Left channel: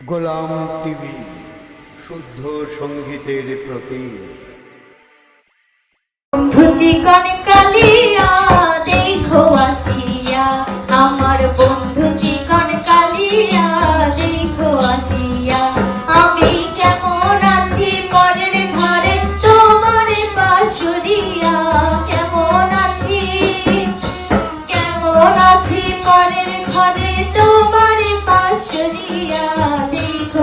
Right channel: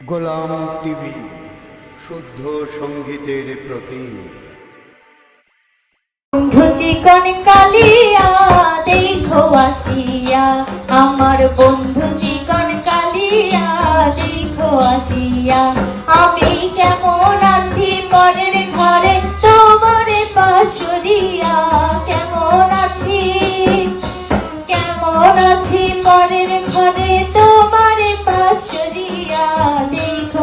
গোলাম TV শুদ্ধ সঙ্গীতের প্রতি আমার বন্ধু চিকন কালিয়া দেখো আসিয়া।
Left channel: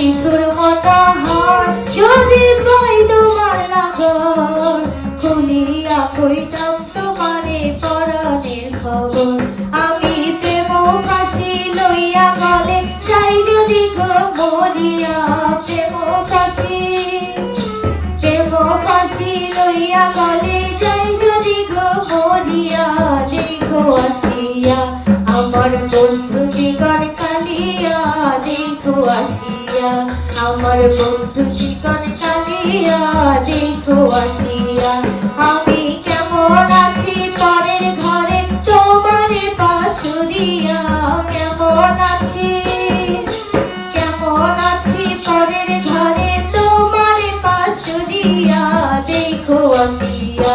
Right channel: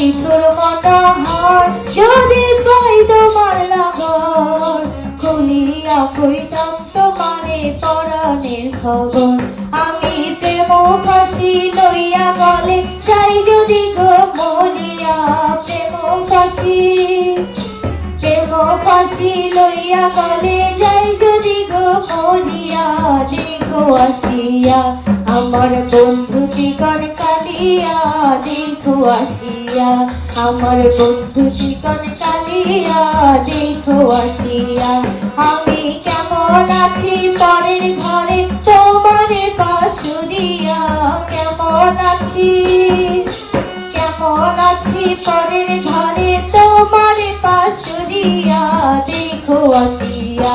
নিঠুর মনোহর যদি পাই তোমার নগর খুলিয়া কইতাম তোমারে পরাণের খবর। দেখো আসিয়া, আমার বন্ধু চিকন কালিয়া দেখো আসিয়া, আমি কেমন আছি পরের ঘরে তোমার পাশুরিয়া কেমন আছি? কেমন আছি পরের ঘরে তোমার পাশুরিয়া দেখো আসিয়া,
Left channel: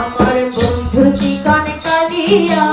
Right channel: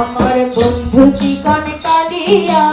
আমার বন্ধু চিকন কালিয়া